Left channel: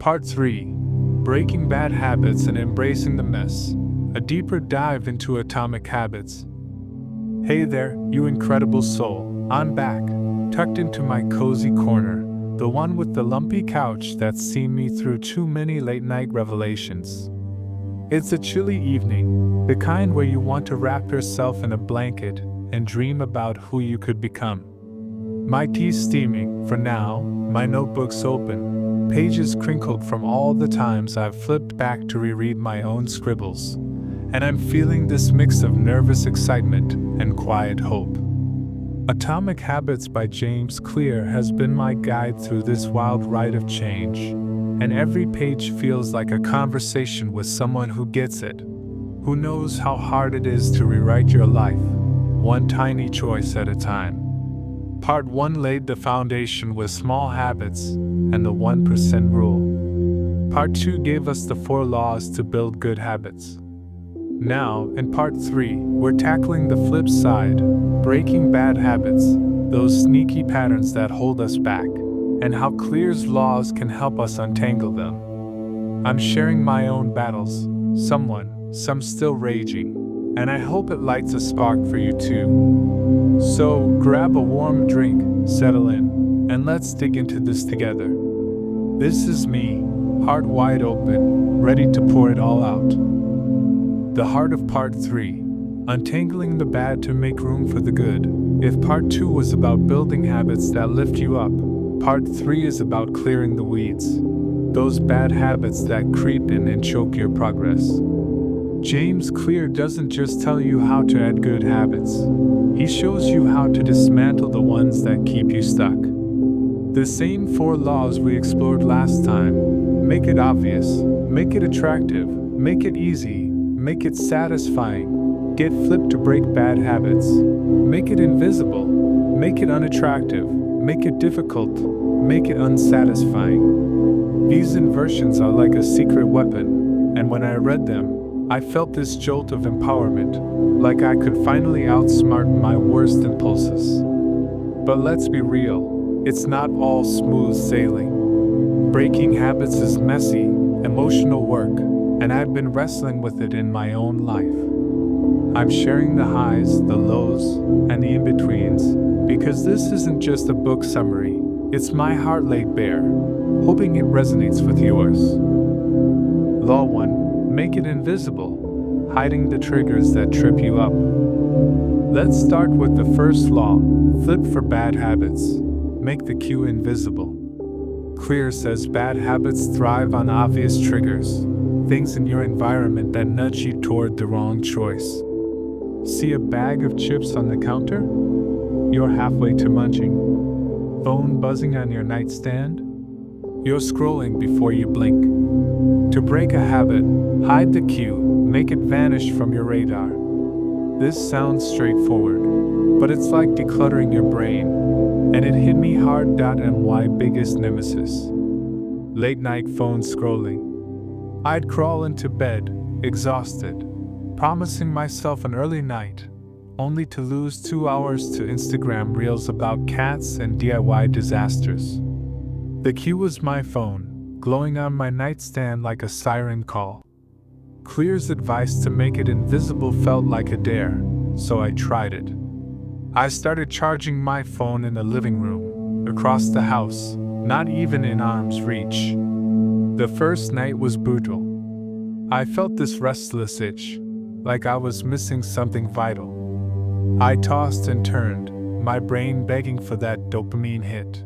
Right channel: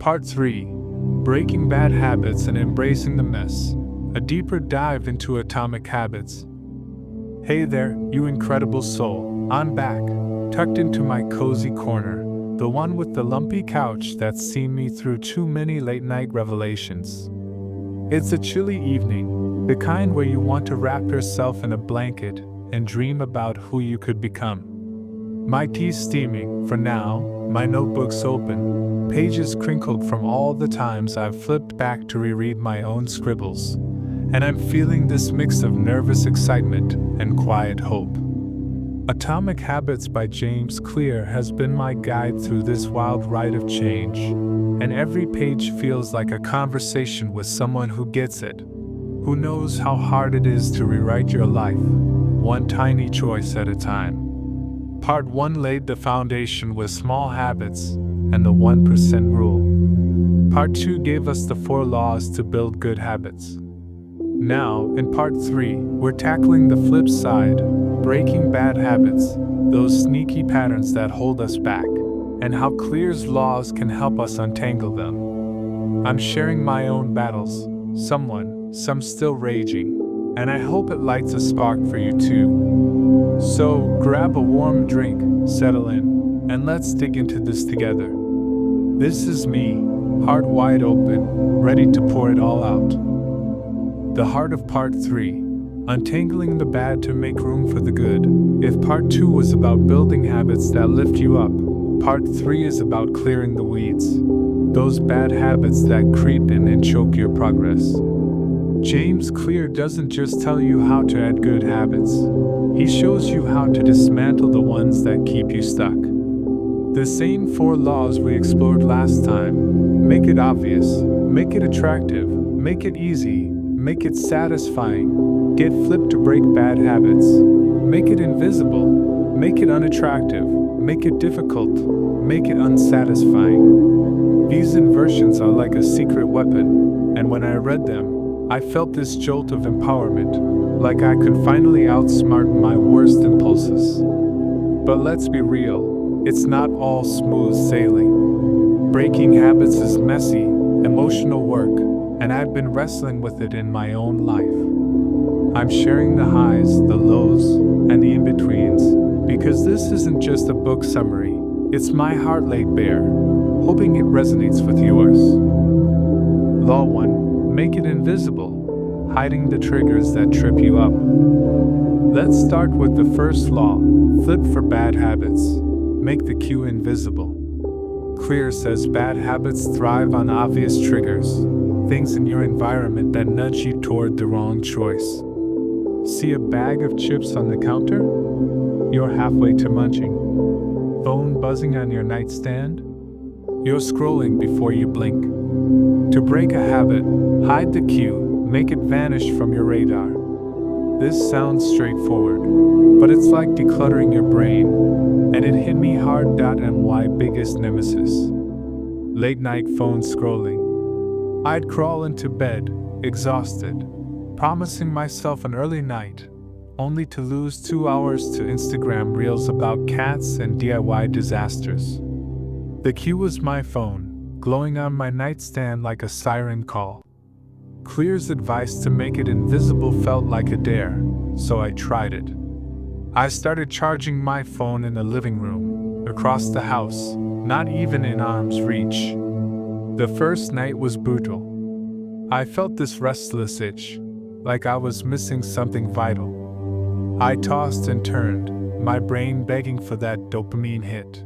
Part 3: Breaking Bad Habits and Embracing the Mess. A deeper dive into atomic habits. Hey there, you incredible soul. I'm back, tucked into my cozy corner, the one with the lumpy couch that's seen me through too many late-night revelations. It's a chilly evening, the kind where you want to wrap yourself in a blanket and dream about who you could become. My tea's steaming, for now, my notebook's open, pages crinkled from all the times I've flipped back to reread my own scribbles, and I'm feeling this mix of nervous excitement and quiet hope. Atomic Habits by James Clear has been my guide through this wild ride of change, and every page feels like a conversation with someone who gets it, who knows how hard it is to rewrite your life, one tiny choice at a time. Part 1 laid the foundation with small habits and the 1% rule. Part 2 gave us the 4 laws to build good habits. Now, in Part 3, we're tackling the flip side, breaking bad habits, those sneaky patterns that hold us back, and how Clear's laws can help us untangle them. I'm sharing my own battles, some still raging, and I hope it lights a spark for you too. So, grab a warm drink, settle in, and let's dig into this together. This is me, heart wide open, ready to pour it all out. The heart of Part 3, untangling the bad to make room for the good. If Part 2 was about building habits that lift you up, Part 3 is about clearing the weeds, those bad habits that creep in and choke your progress. James Clear doesn't just tell you how to add good habits, he shows you how to dismantle the ones that keep you stuck. The same 4 laws we explored last time: make it obvious, make it attractive, make it easy, make it satisfying, get flipped to break bad habits, make it invisible, make it unattractive, make it difficult, make it unsatisfying. These inversions are like a secret weapon, and when I read them, I felt this jolt of empowerment, like I could finally outsmart my worst impulses. But let's be real, it's not all smooth sailing. Breaking habits is messy, emotional work, and I've been wrestling with it in my own life. I'm sharing the highs, the lows, and the in-betweens, because this isn't just a book summary, it's my heart laid bare, hoping it resonates with yours. Law 1: make it invisible, hiding the triggers that trip you up. Let's start with the first law, flip for bad habits, make the cue invisible. Clear says bad habits thrive on obvious triggers, things in your environment that nudge you toward the wrong choice. See a bag of chips on the counter? You're halfway to munching. Phone buzzing on your nightstand? You're scrolling before you blink. To break a habit, hide the cue, make it vanish from your radar. This sounds straightforward, but it's like decluttering your brain, and it hit me hard. My biggest nemesis: late night phone scrolling. I'd crawl into bed, exhausted, promising myself an early night, only to lose 2 hours to Instagram reels about cats and DIY disasters. The cue was my phone, glowing on my nightstand like a siren call. Clear's advice to make it invisible felt like a dare, so I tried it. I started charging my phone in the living room, across the house, not even in arm's reach. The first night was brutal. I felt this restless itch, like I was missing something vital. I tossed and turned, my brain begging for that dopamine hit.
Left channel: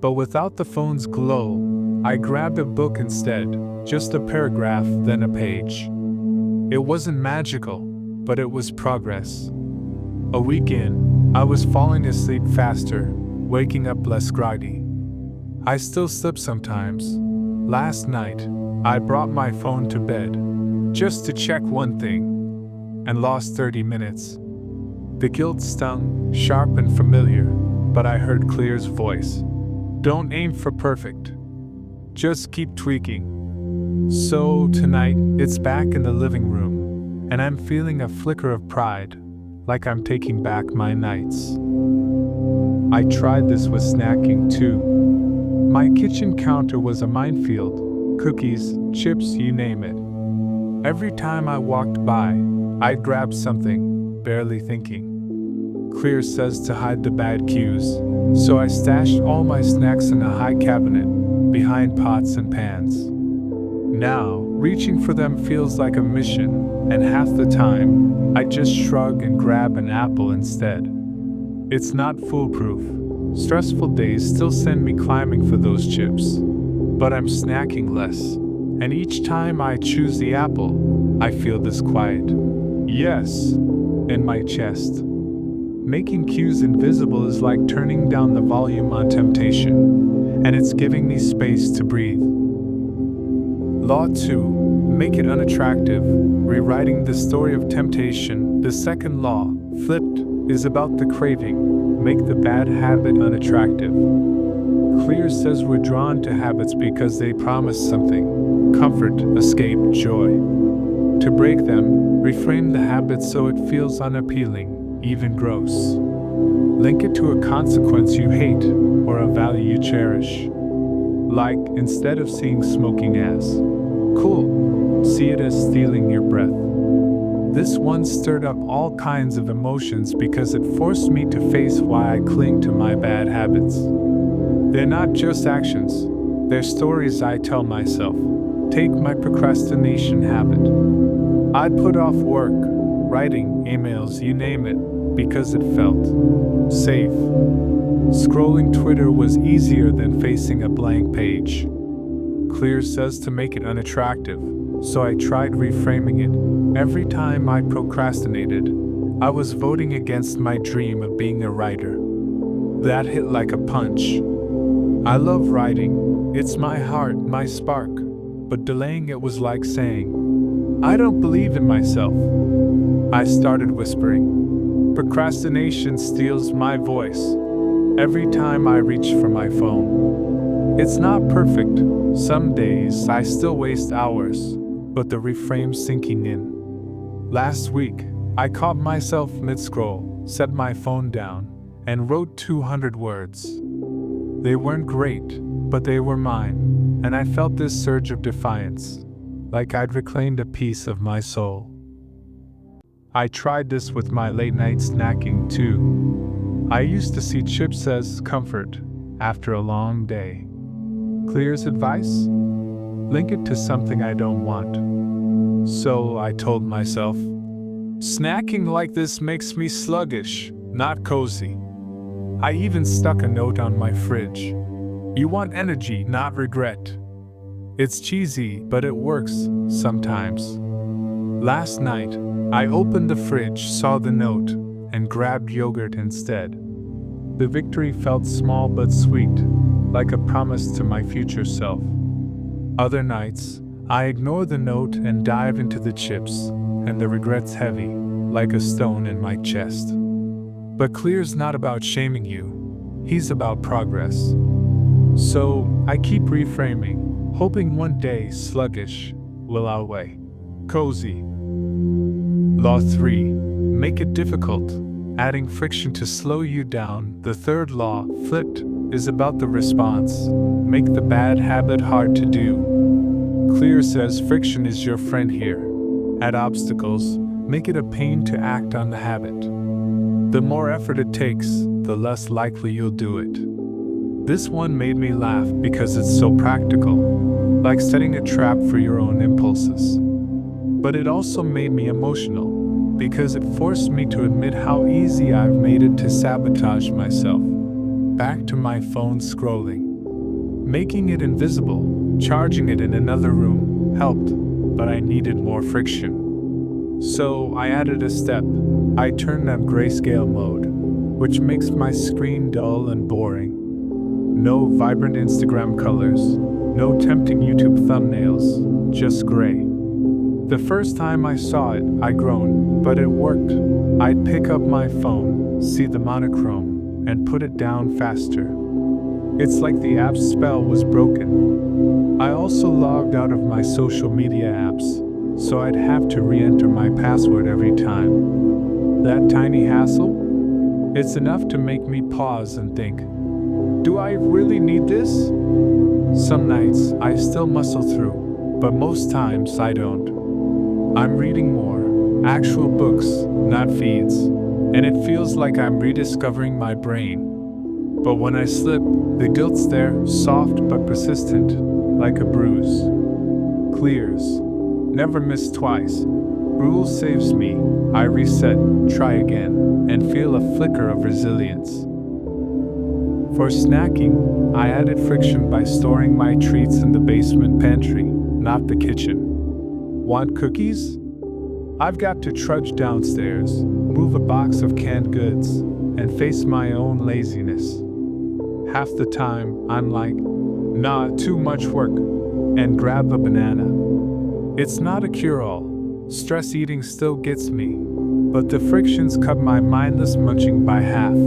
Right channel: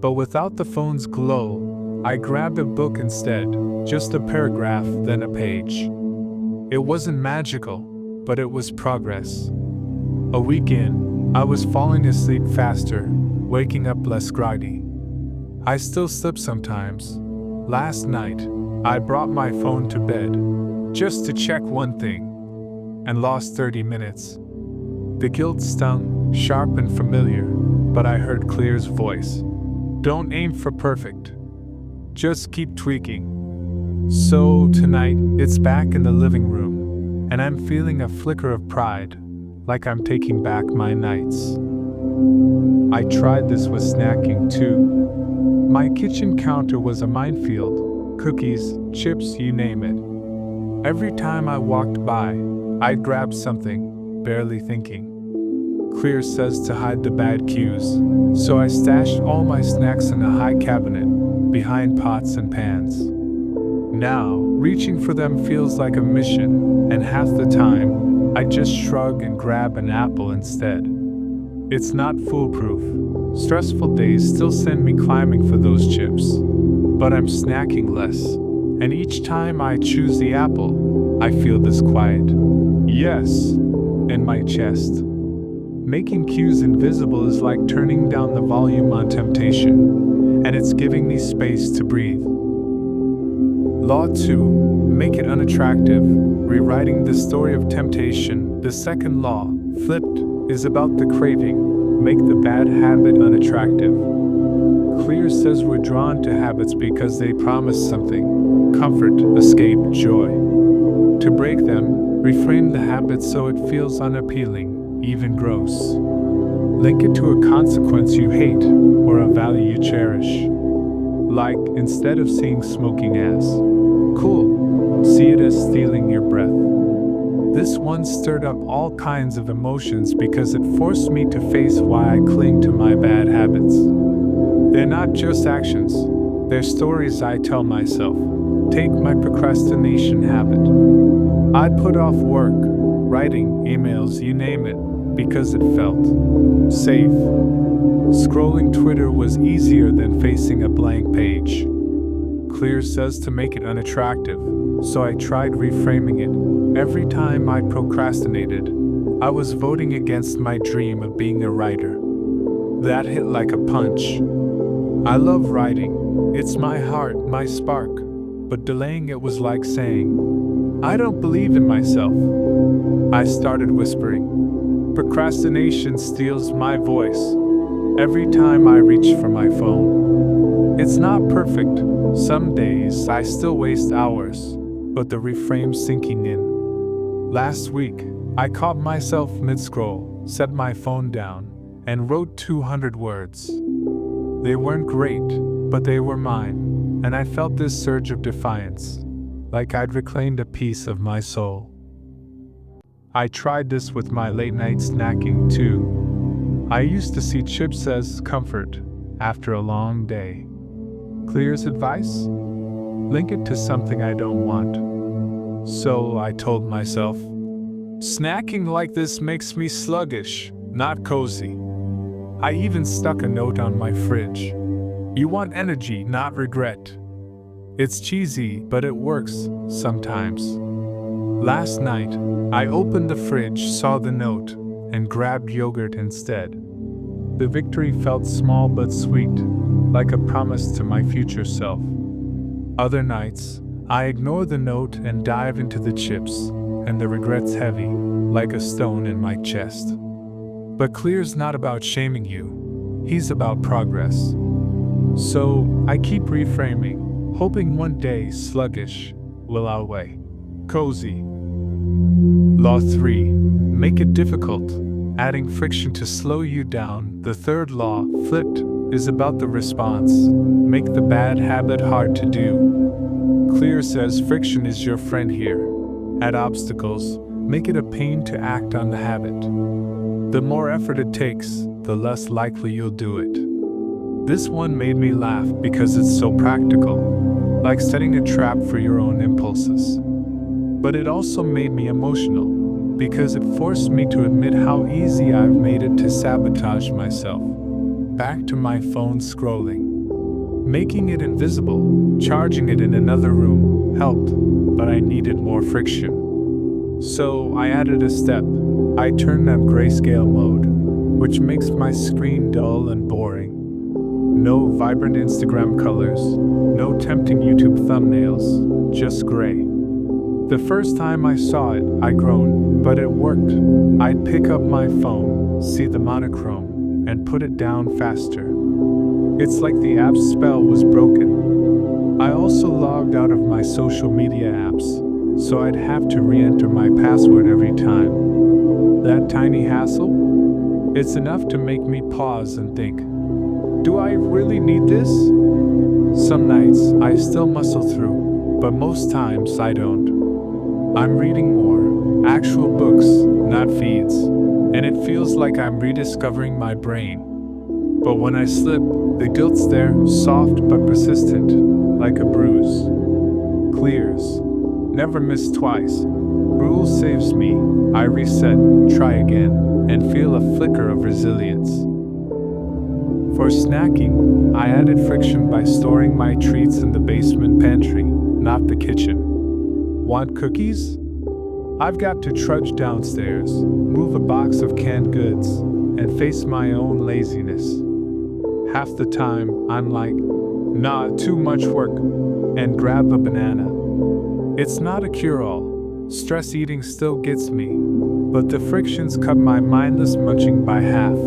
But without the phone's glow, I grabbed a book instead, just a paragraph, then a page. It wasn't magical, but it was progress. A week in, I was falling asleep faster, waking up less groggy. I still slip sometimes. Last night, I brought my phone to bed, just to check one thing, and lost 30 minutes. The guilt stung, sharp and familiar, but I heard Clear's voice. Don't aim for perfect. Just keep tweaking. So tonight, it's back in the living room, and I'm feeling a flicker of pride, like I'm taking back my nights. I tried this with snacking too. My kitchen counter was a minefield: cookies, chips, you name it. Every time I walked by, I'd grab something, barely thinking. Clear says to hide the bad cues, so I stashed all my snacks in a high cabinet, behind pots and pans. Now, reaching for them feels like a mission, and half the time, I just shrug and grab an apple instead. It's not foolproof. Stressful days still send me climbing for those chips. But I'm snacking less, and each time I choose the apple, I feel this quiet yes in my chest. Making cues invisible is like turning down the volume on temptation, and it's giving me space to breathe. Law 2. Make it unattractive. Rewriting the story of temptation. The second law, flipped, is about the craving. Make the bad habit unattractive. Clear says we're drawn to habits because they promise something: comfort, escape, joy. To break them, reframe the habit so it feels unappealing, even gross. Link it to a consequence you hate or a value you cherish. Like, instead of seeing smoking as cool, see it as stealing your breath. This one stirred up all kinds of emotions because it forced me to face why I cling to my bad habits. They're not just actions, they're stories I tell myself. Take my procrastination habit. I'd put off work, writing, emails, you name it, because it felt safe. Scrolling Twitter was easier than facing a blank page. Clear says to make it unattractive, so I tried reframing it. Every time I procrastinated, I was voting against my dream of being a writer. That hit like a punch. I love writing, it's my heart, my spark, but delaying it was like saying, I don't believe in myself. I started whispering. Procrastination steals my voice every time I reach for my phone. It's not perfect. Some days I still waste hours, but the reframe's sinking in. Last week, I caught myself mid-scroll, set my phone down, and wrote 200 words. They weren't great, but they were mine, and I felt this surge of defiance, like I'd reclaimed a piece of my soul. I tried this with my late-night snacking too. I used to see chips as comfort after a long day. Clear's advice? Link it to something I don't want. So I told myself, snacking like this makes me sluggish, not cozy. I even stuck a note on my fridge. You want energy, not regret. It's cheesy, but it works sometimes. Last night, I opened the fridge, saw the note, and grabbed yogurt instead. The victory felt small but sweet, like a promise to my future self. Other nights, I ignore the note and dive into the chips, and the regret's heavy, like a stone in my chest. But Clear's not about shaming you, he's about progress. So I keep reframing, hoping one day sluggish will outweigh cozy. Law 3. Make it difficult, adding friction to slow you down. The third law, flipped, is about the response. Make the bad habit hard to do. Clear says friction is your friend here. Add obstacles, make it a pain to act on the habit. The more effort it takes, the less likely you'll do it. This one made me laugh because it's so practical, like setting a trap for your own impulses. But it also made me emotional, because it forced me to admit how easy I've made it to sabotage myself. Back to my phone scrolling. Making it invisible, charging it in another room, helped, but I needed more friction. So I added a step. I turned on grayscale mode, which makes my screen dull and boring. No vibrant Instagram colors, no tempting YouTube thumbnails, just gray. The first time I saw it, I groaned, but it worked. I'd pick up my phone, see the monochrome, and put it down faster. It's like the app's spell was broken. I also logged out of my social media apps, so I'd have to re-enter my password every time. That tiny hassle? It's enough to make me pause and think. Do I really need this? Some nights I still muscle through, but most times I don't. I'm reading more, actual books, not feeds, and it feels like I'm rediscovering my brain. But when I slip, the guilt's there, soft but persistent, like a bruise. Clears. Never miss twice. Rule saves me. I reset, try again, and feel a flicker of resilience. For snacking, I added friction by storing my treats in the basement pantry, not the kitchen. Want cookies? I've got to trudge downstairs, move a box of canned goods, and face my own laziness. Half the time, I'm like, nah, too much work, and grab a banana. It's not a cure-all. Stress eating still gets me, but the frictions cut my mindless munching by half.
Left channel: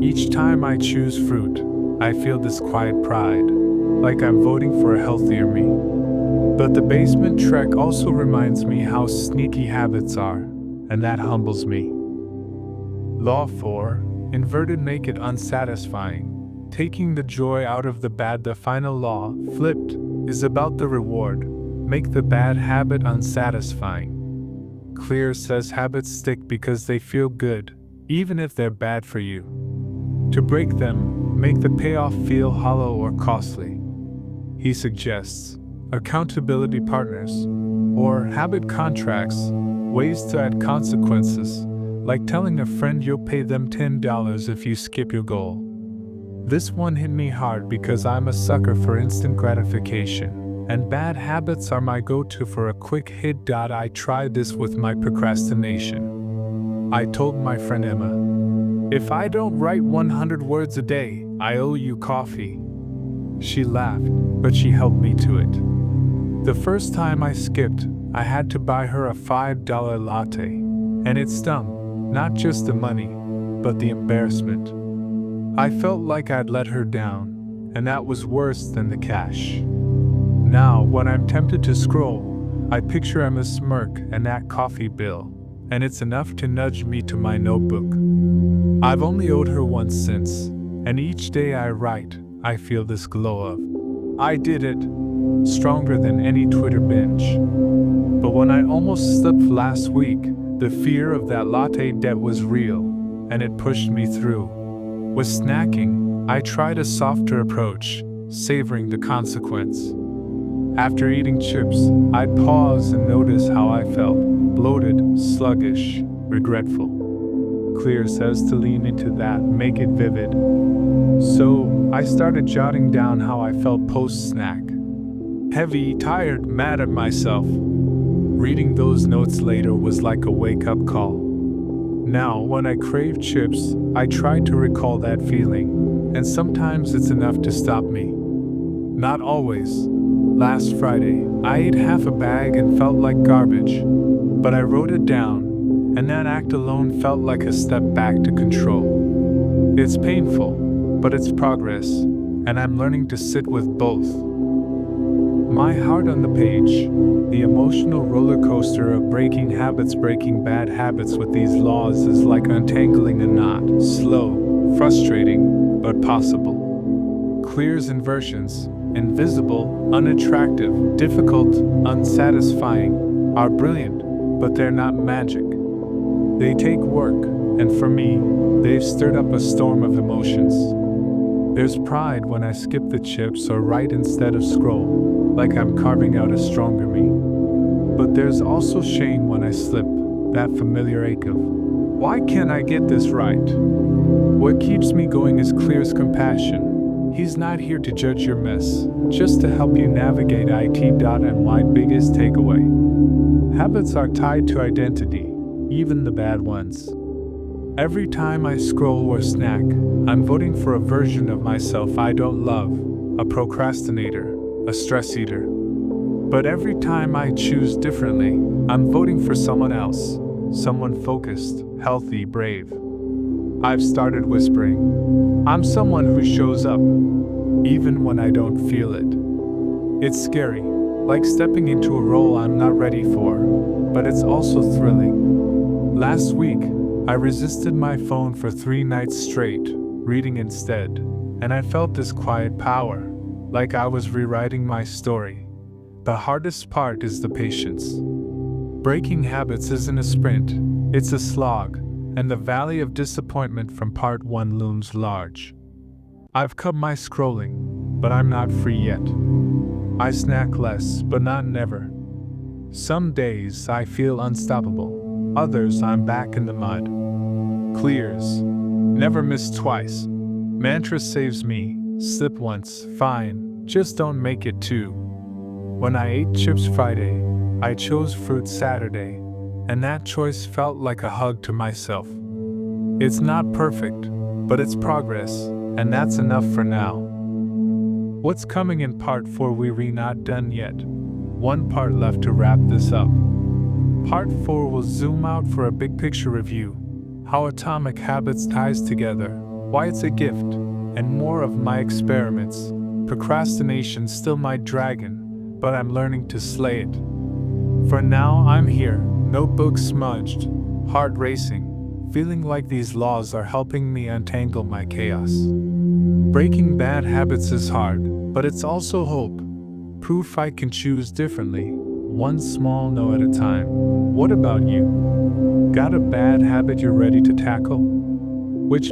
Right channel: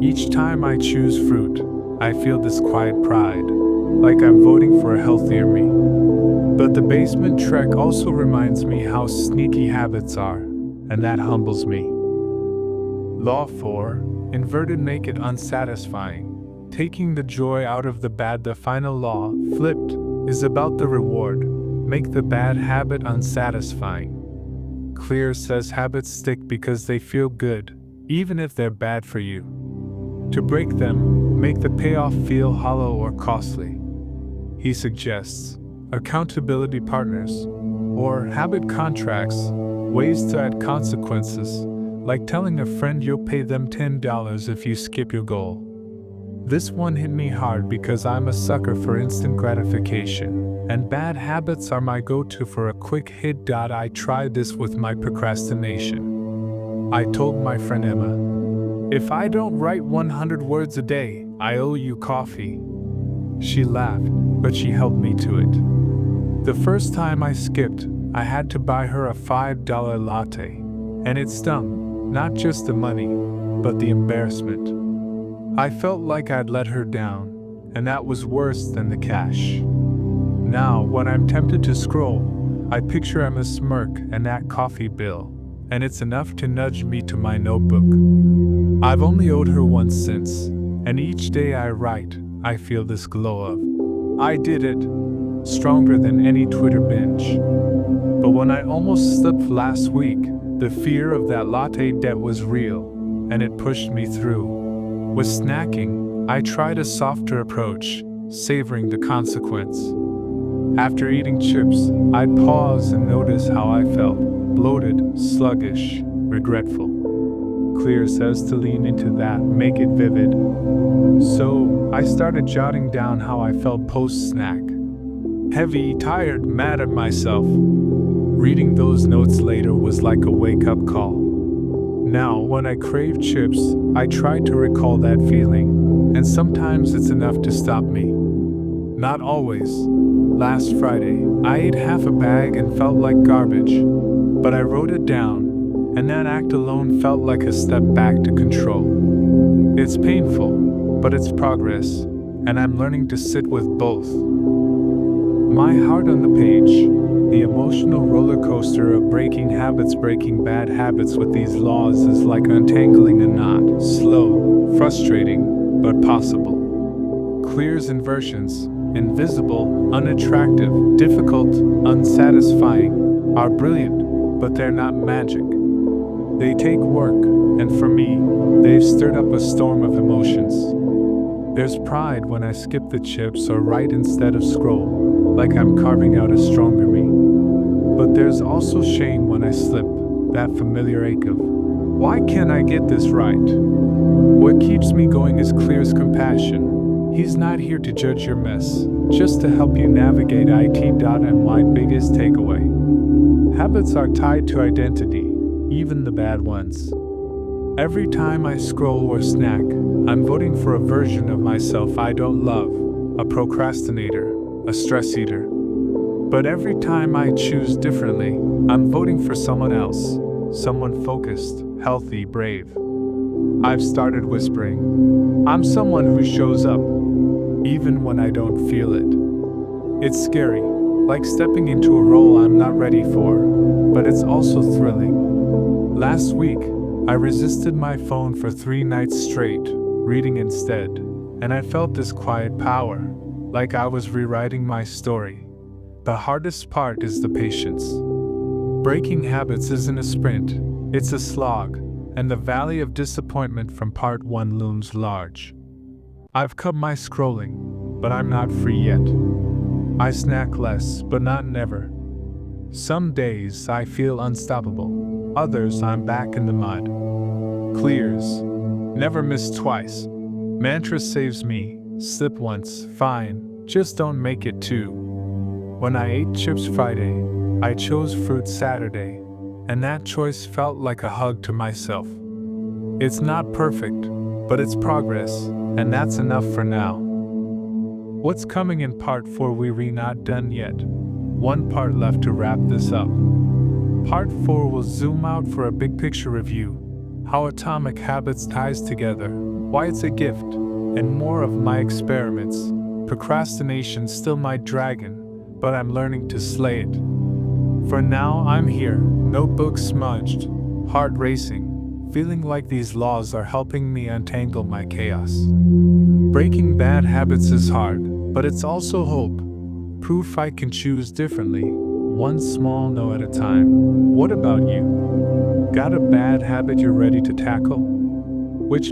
Each time I choose fruit, I feel this quiet pride, like I'm voting for a healthier me. But the basement trek also reminds me how sneaky habits are, and that humbles me. Law 4, inverted make it unsatisfying. Taking the joy out of the bad. The final law, flipped, is about the reward. Make the bad habit unsatisfying. Clear says habits stick because they feel good, even if they're bad for you. To break them, make the payoff feel hollow or costly. He suggests accountability partners, or habit contracts, ways to add consequences, like telling a friend you'll pay them $10 if you skip your goal. This one hit me hard because I'm a sucker for instant gratification, and bad habits are my go-to for a quick hit. I tried this with my procrastination. I told my friend Emma, if I don't write 100 words a day, I owe you coffee. She laughed, but she held me to it. The first time I skipped, I had to buy her a $5 latte, and it stung, not just the money, but the embarrassment. I felt like I'd let her down, and that was worse than the cash. Now, when I'm tempted to scroll, I picture Emma's smirk and that coffee bill, and it's enough to nudge me to my notebook. I've only owed her once since, and each day I write, I feel this glow of, I did it, stronger than any Twitter binge. But when I almost slipped last week, the fear of that latte debt was real, and it pushed me through. With snacking, I tried a softer approach, savoring the consequence. After eating chips, I'd pause and notice how I felt, bloated, sluggish, regretful. Clear says to lean into that, make it vivid. So, I started jotting down how I felt post-snack. Heavy, tired, mad at myself. Reading those notes later was like a wake-up call. Now, when I crave chips, I try to recall that feeling, and sometimes it's enough to stop me. Not always. Last Friday, I ate half a bag and felt like garbage, but I wrote it down, and that act alone felt like a step back to control. It's painful, but it's progress, and I'm learning to sit with both. My heart on the page. The emotional roller coaster of breaking habits. Breaking bad habits with these laws is like untangling a knot. Slow, frustrating, but possible. Clear's inversions, invisible, unattractive, difficult, unsatisfying, are brilliant, but they're not magic. They take work, and for me, they've stirred up a storm of emotions. There's pride when I skip the chips or write instead of scroll, like I'm carving out a stronger me. But there's also shame when I slip, that familiar ache of, why can't I get this right? What keeps me going is Clear's compassion. He's not here to judge your mess, just to help you navigate it.my biggest takeaway. Habits are tied to identity, even the bad ones. Every time I scroll or snack, I'm voting for a version of myself I don't love, a procrastinator, a stress eater. But every time I choose differently, I'm voting for someone else, someone focused, healthy, brave. I've started whispering, I'm someone who shows up, even when I don't feel it. It's scary, like stepping into a role I'm not ready for, but it's also thrilling. Last week, I resisted my phone for 3 nights straight, reading instead, and I felt this quiet power, like I was rewriting my story. The hardest part is the patience. Breaking habits isn't a sprint, it's a slog, and the valley of disappointment from part 1 looms large. I've cut my scrolling, but I'm not free yet. I snack less, but not never. Some days I feel unstoppable, others I'm back in the mud. Clears. Never miss twice. Mantra saves me. Slip once, fine, just don't make it two. When I ate chips Friday, I chose fruit Saturday, and that choice felt like a hug to myself. It's not perfect, but it's progress, and that's enough for now. What's coming in part 4? We're not done yet. One part left to wrap this up. Part 4 will zoom out for a big picture review, how Atomic Habits ties together, why it's a gift, and more of my experiments. Procrastination's still my dragon, but I'm learning to slay it. For now, I'm here, notebook smudged, heart racing, feeling like these laws are helping me untangle my chaos. Breaking bad habits is hard, but it's also hope. Proof I can choose differently, one small no at a time. What about you? Got a bad habit you're ready to tackle? Which